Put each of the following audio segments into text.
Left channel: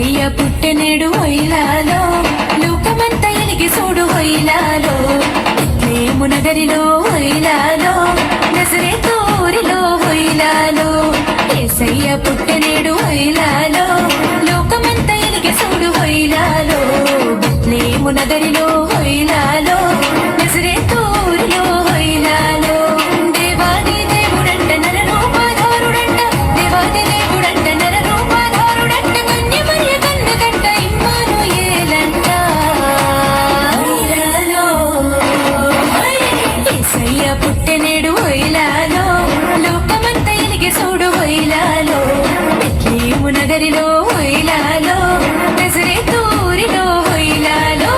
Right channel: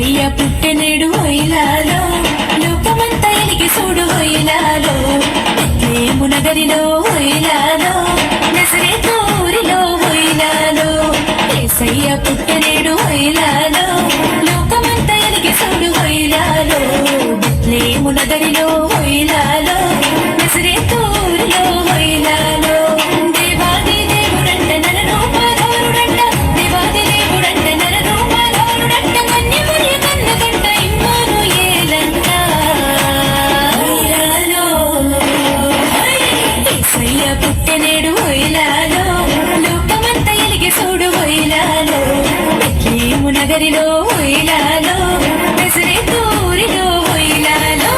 ఏసయ్య పుట్టెనడు హొయిలాలో లోకమంతా ఎలిగి చూడు హొయిలాలో బెత్లెహేము నగరిలో హొయిలాలో నజరేతు ఊరిలో హొయిలాలో ఏసయ్య పుట్టెనడు హొయిలాలో లోకమంతా ఎలిగి చూడు హొయిలాలో బెత్లెహేము నగరిలో హొయిలాలో నజరేతు ఊరిలో హొయిలాలో దేవాది దేవుడంట నరరూపధారుడంట దేవాది దేవుడంట నరరూపధారుడంట కన్యమరియ కన్నకంట ఇమ్మానుయేలంట హొయిలాలో ఏసయ్య పుట్టెనడు హొయిలాలో లోకమంతా ఎలిగి చూడు హొయిలాలో బెత్లెహేము నగరిలో హొయిలాలో నజరేతు ఊరిలో హొయిలాలో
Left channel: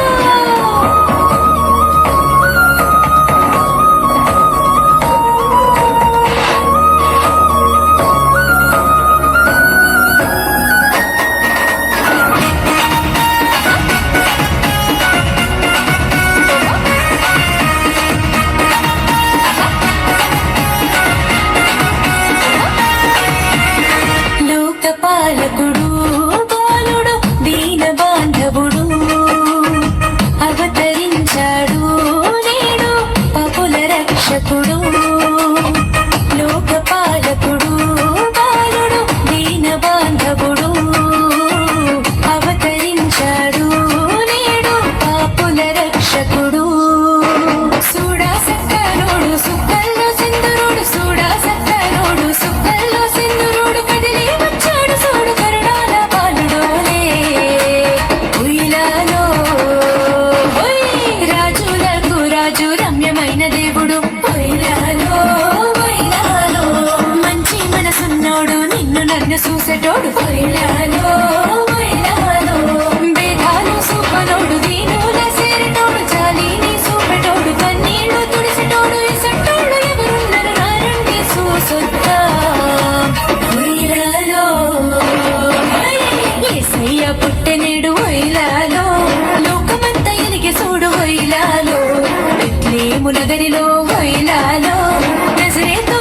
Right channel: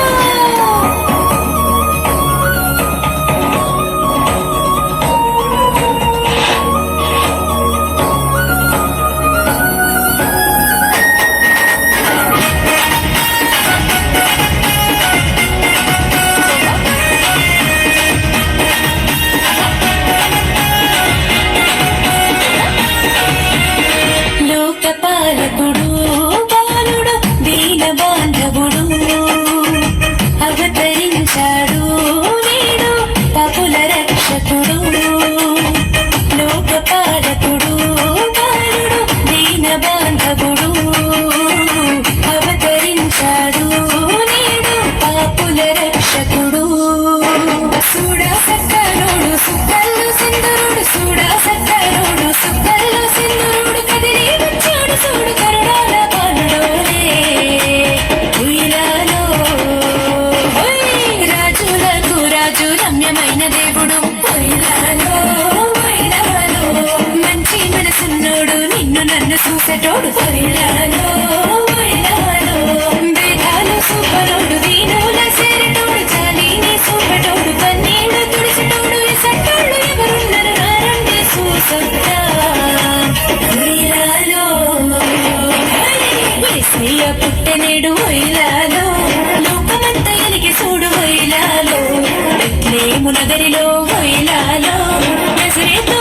లోకపాలకుడు బాలుడు దీన బాంధవుడు అవతరించాడు నేడు పాపుల రక్షకుడు లోకపాలకుడు బాలుడు దీన బాంధవుడు అవతరించాడు నేడు పాపుల రక్షకుడు సూడా సక్కరోడు సుక్కల్లో సింధురుడు సూడా సక్కరోడు సుక్కల్లో సింధురుడు కదిలి వచ్చాడు చూడు కరుణాల బాలుడోలే ఉయ్యాలో రాజులకు రాజు రమ్యమైన దేవుడు ఉయ్యాలో ఉయ్యాలో మంచి మనసున్నోడు నిన్ను నన్ను చూసేటోడు ఉయ్యాలో ఉయ్యాలో వేదాలు సూపరోడు దీనుల సేరిటోడు చాలీని చూపెటోడు కన్నీళ్లు తుడిచెటోడు ఇసంటోడు ఎవరున్నారు నారండి చూసొద్దా ఉయ్యాలో ఏసయ్య పుట్టెనడు హొయిలాలో లోకమంతా ఎలిగి చూడు హొయిలాలో బెత్లెహేము నగరిలో హొయిలాలో నజరేతు